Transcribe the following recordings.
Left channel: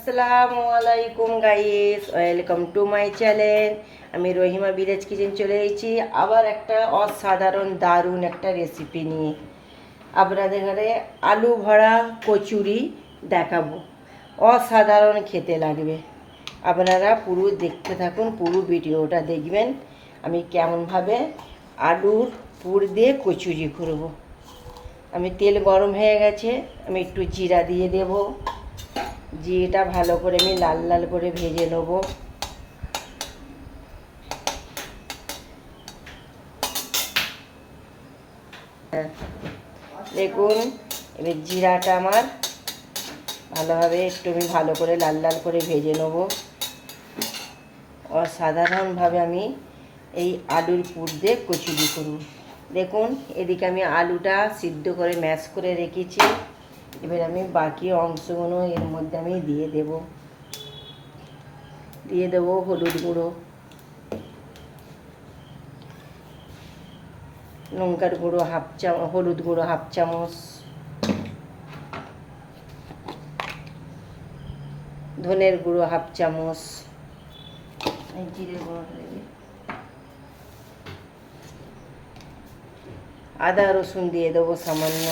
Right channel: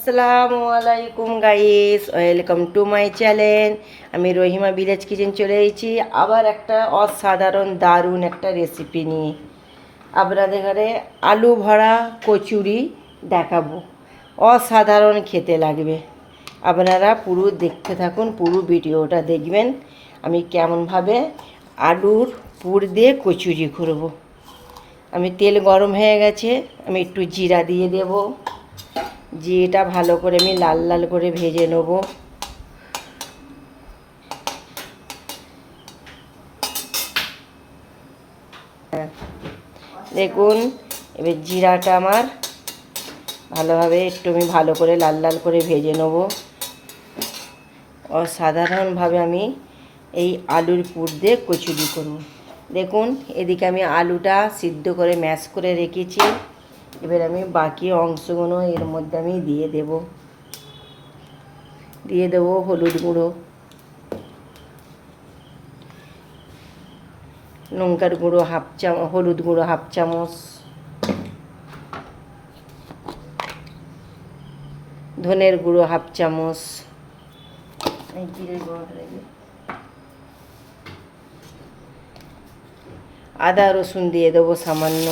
আসসালামু আলাইকুম guys, welcome to my channel. আমি রহিমা ভিলেজ কিচেন চলে এসেছি আবার একটা অসাধারণ দারুণ একটা রেসিপি নিয়ে আপনাদের ঘরে আলু ভরা কচুরি দেখাবো। অসাধারণ খেতে লাগবে। আপনারা পুরো দেখতে থাকুন, পুরো ভিডিওটা দেখবেন আমি কেমনভাবে আলুর পুর দিয়ে কচুরি করব। আমি তেল গরম হয়ে গেছে, আমি একটু জিরা দিয়ে দেবো। জিরেটা ভালো করে আমি লাল লাল করে ভেজে নেব। দেখুন এবার জিরাটা আমার ভালোভাবে একটু আমি ভালো করে লাল লাল করে ভেজে নেব। অসাধারণভাবে আমি এই আলুর পুর দিয়ে কচুরি করব। দেখুন এদিকে আমি আলুটা সিদ্ধ করে ম্যাশ করে রেখেছি। এবার আমি বাকি অংশগুলো এর মধ্যে আমি দিয়ে দেবো হলুদ গুঁড়ো, লঙ্কার গুঁড়ো হলুদ গুঁড়ো হাফ চামচ, ধনের গুঁড়ো হাফ চামচ, জিরের গুঁড়ো, আদা রসুন দিয়ে দেবো সামান্য।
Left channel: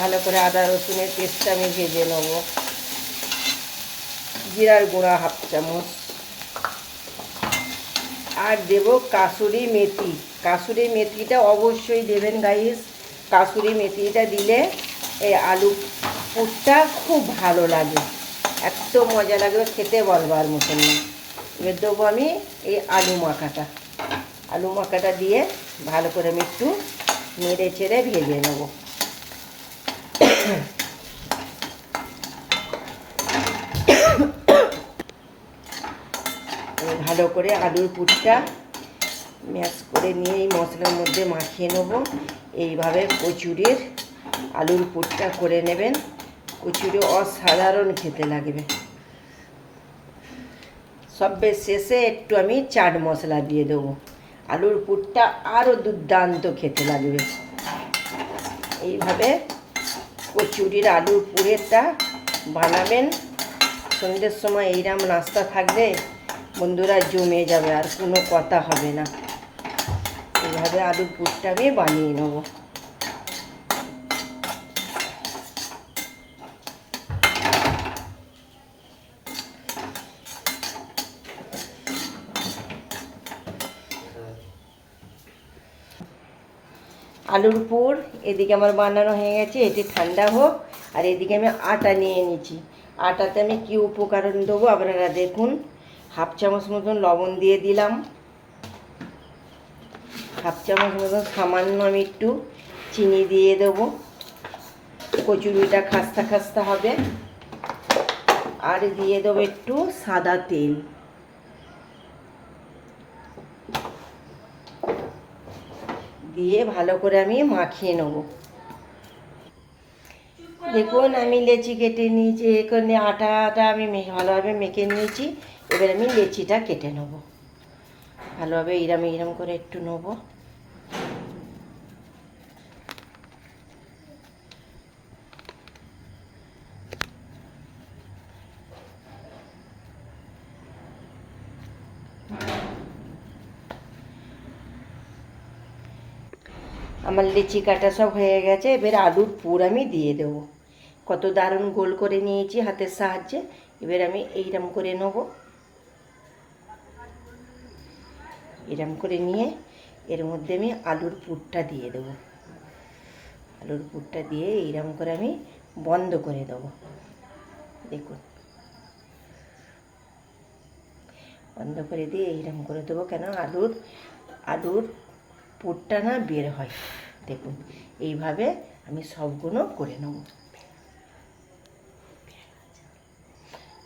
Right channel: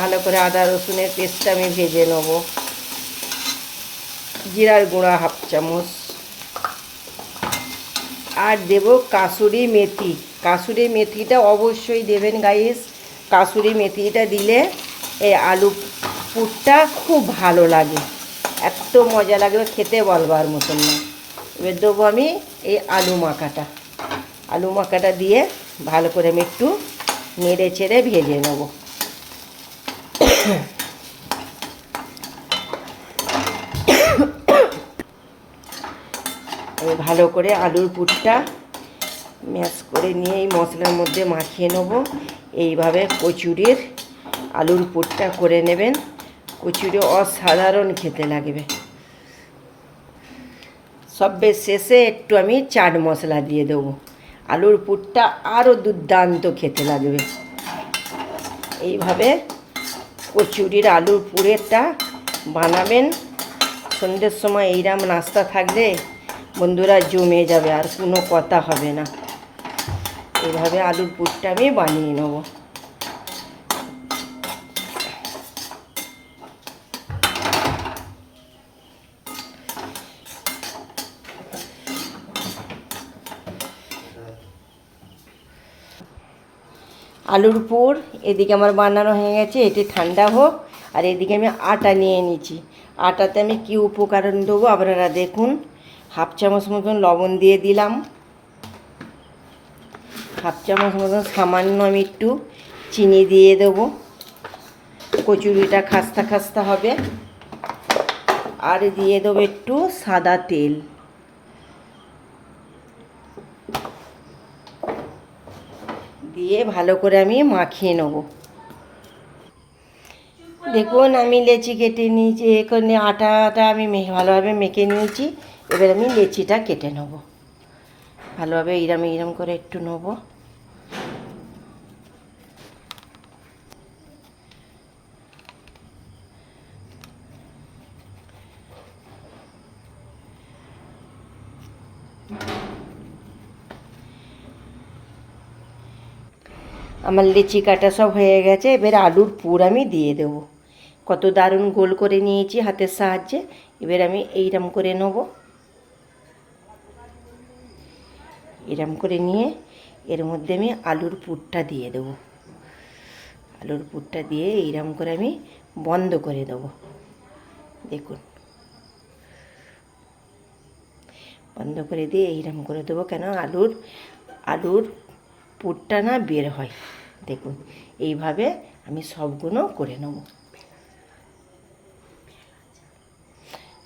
ভালো করে আদা রসুনের পেস্টটা আমি ভেজে নেব। জিরার গুঁড়া হাফ চামচ, আর দেব কাসুরি মেথি। কাসুরি মেথিটা অবশ্যই দেবেন গাইস। কাসুরি মেথিটা দিলে এই আলু পুরটা খুব ভালো লাগে, এত মজা লাগবে খেতে বলবার মতন না। এবার দেবো আমি এই আলু মাখাটা দিয়ে ভালো করে আমি একটু নেড়ে চেড়ে ভেজে নেব। ভালো করে আলুর পুরটা ম্যাশ করে নিয়ে এই মশলার মধ্যে মাখিয়ে নেব। এইভাবে কচুরির আলুর পুরটা করে নেবেন, কচুরি অসাধারণ খেতে লাগবে। সবের শেষে একটু আমি চাট মশলা দিয়ে দেবো, আলুর পুরটা আরও দুর্দান্ত খেতে লাগবে। এইভাবে কচুরির আলুর পুরেরটা বানাবেন। সন্ধ্যের সময় এইরকম নাস্তা থাকলে বন্ধুরা জমে যাবে, আর কোনো কথা হবে না। এইভাবে আলুর পুরটা আমি বানিয়ে নেব। আলুর পুর এদিকে আমার বানানো হয়ে গেছে, এটি ঠান্ডা হোক। আর এদিকে আমি আটা নিয়ে নিয়েছি। আটাতে আমি কী উপকরণ দেবো আপনারা দেখুন। হাফ চামচ মতন লবণ দিয়ে দিলাম, হাফ চামচ মতন সামান্য আমি একটু চিনি দিয়ে দেবো, কচুরিটা খাস্তা খাস্তা হবে। আর দিয়ে দেবো একটু সাদা তেল, দিয়ে ভালো করে আমি মাখিয়ে নেব। দেখুন আমি লেচি কেটে নিয়েছি, এখানে আটাটা আমি ভালোভাবে মেখে নিয়েছি। এবার আমি লেচিটা কেটে নেব ভালোভাবে, এইরম করে একটু নেব। আমার লিচি কাটা সব হয়ে গেছে। এবার আলুর পুর আমি দিয়ে দেব। কত দারুণ গোল করে নিয়েছি হাতের সাহায্যে। এবার আমি এইরকম করে নেব, এরম করে নিয়ে এর মধ্যে আমি আলুর পুরটা দিয়ে দেব। আলুর পুরটা দিয়ে এইরকম করে আমি বন্ধ করে দেব। দেখুন বন্ধ করে দিয়ে এইরকম করে দেবো, কেন আলুর পুরটা না বের হয়। দেখুন এইভাবে আমি সবগুলো করে নেব।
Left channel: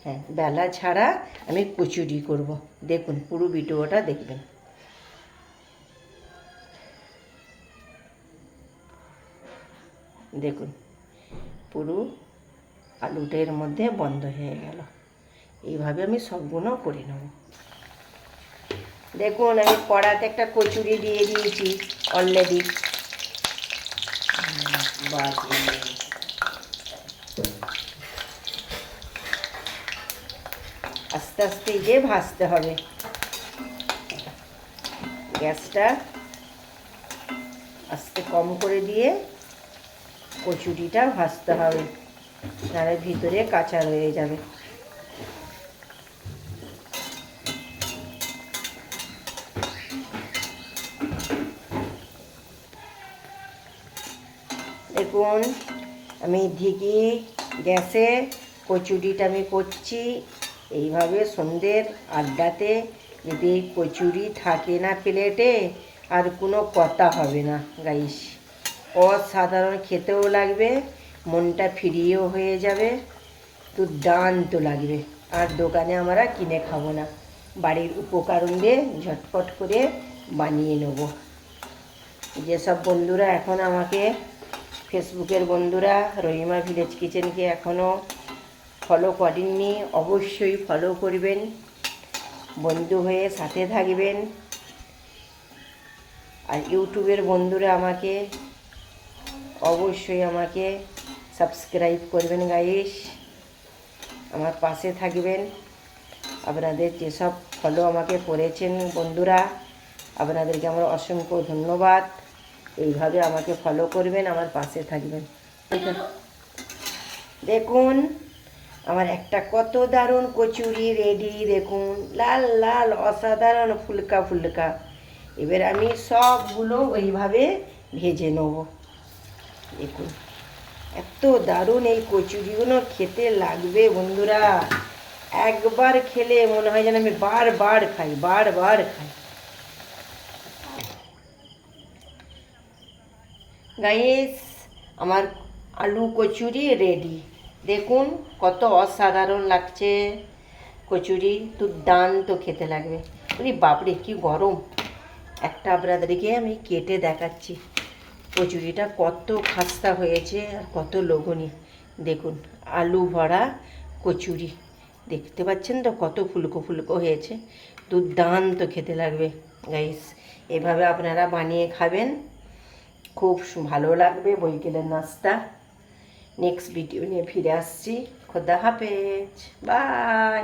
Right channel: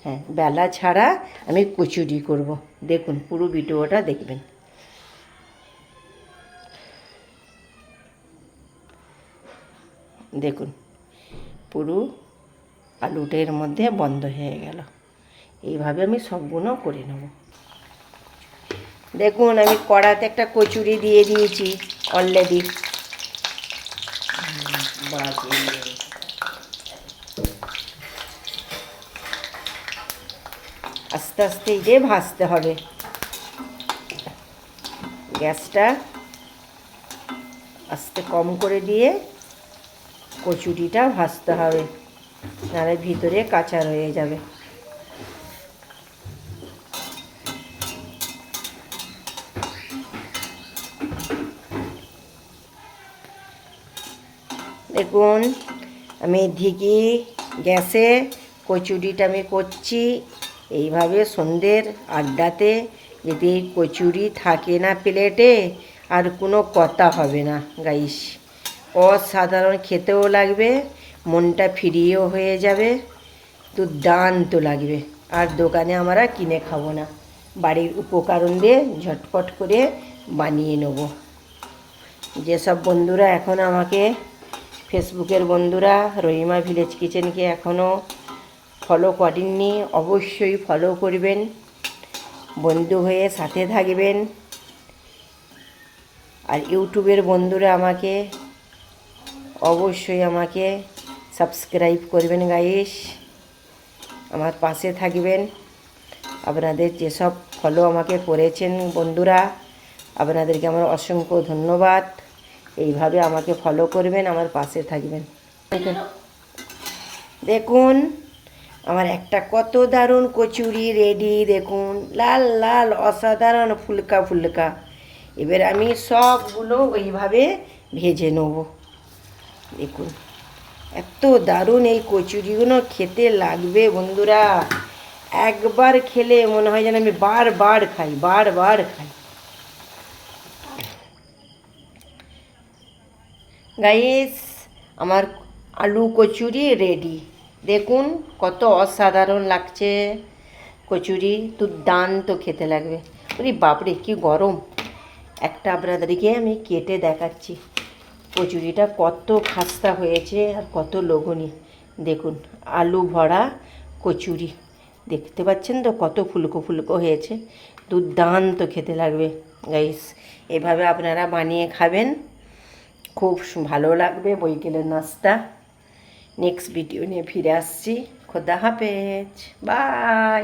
হ্যাঁ, বেলা ছাড়া আমি কচুরি করব। দেখুন পুরো ভিডিওটা দেখবেন। দেখুন পুরো আলুটার মধ্যে বন্ধ হয়ে গেল। এইভাবে আমি সবগুলো করে নেব। দেখুন আমি কড়াতে একটা কচুরি দিয়ে দিয়েছি অলরেডি। আস্তে আস্তে দিয়ে ভাজতে হবে। গ্যাসটা আস্তে কম করে দিয়ে কচুরিটা ভাজতে হবে, নাহলে ভিতরে কাঁচা রয়ে যাবে। দেখুন আমি ঢেকে গ্যাসে কচুরিটা আমি করছি। এইভাবে সন্ধ্যের আড্ডাতে যদি কচুরি থাকে না প্লেটে, আর কোনো কথা হবে না গাইস। অসাধারণ খেতেও লাগবে, মনটা ফ্রিও হয়ে যাবে, দুর্দান্ত লাগবে। আর দোকানে আমরা কিনে খাবো না, বাড়ির উপকরণ দিয়ে ঝটপট করে বানিয়ে নেব। যেসব বন্ধুরা এখন আমাকে ফেসবুকের বন্ধুরা রহিমা ভিলেজ কিচেনকে এখনও ফলো করেননি, অবশ্যই ফলো করবেন, বন্ধু হয়ে সাথে থাকবেন। আর ইউটিউবের বন্ধুরা আমাকে অবশ্যই আমাকে সাবস্ক্রাইব করবেন গাইস, আমার পাশে থাকবেন। আপনাদের যেসব ফলো আমাকে করেছেন বন্ধুরা, আপনাদেরকে আমার অসংখ্য ধন্যবাদ। এইভাবে আমাকে ফলো করবেন, আমার পাশে থাকবেন। দেখুন আমার একটা কত দারুণ কচুরি রেডি, দেখুন লাল লাল অসাধারণ ফুলকা ফুলকা। এবার আমি সবগুলো ওইভাবে ভেজে নেব। দেখুন এত দারুণ এই কচুরিগুলো খেতে লাগবে বন্ধুরা, একবার খেলে মনে হয় যেন আমি বারবার খাই, বারবার খাই। গাইস আমার আলু কচুরি রেডি, দেখুন কত অসাধারণ লাগছে কচুরি, দুর্দান্ত খেতে লাগবে। ওরে বাপরে কি গরম! একটা আপনাদেরকে আমি কেটে দেখাচ্ছি কচুরিটা কত খাস্তা হয়েছে আর কত লোভনীয়। দেখুন আলু ভরা কচুরি, দেখতে পাচ্ছেন তো কত ফুলকো ফুলকো হয়েছে, দুর্দান্ত খেতে লাগবে গাইস। এভাবে আপনারা বানিয়ে খাবেন, খুব ভালো লাগবে বৈকালের নাস্তা। নেক্সট ভিডিও নিয়ে ফিরে আসছি। খোদা হাফেজ, বাই।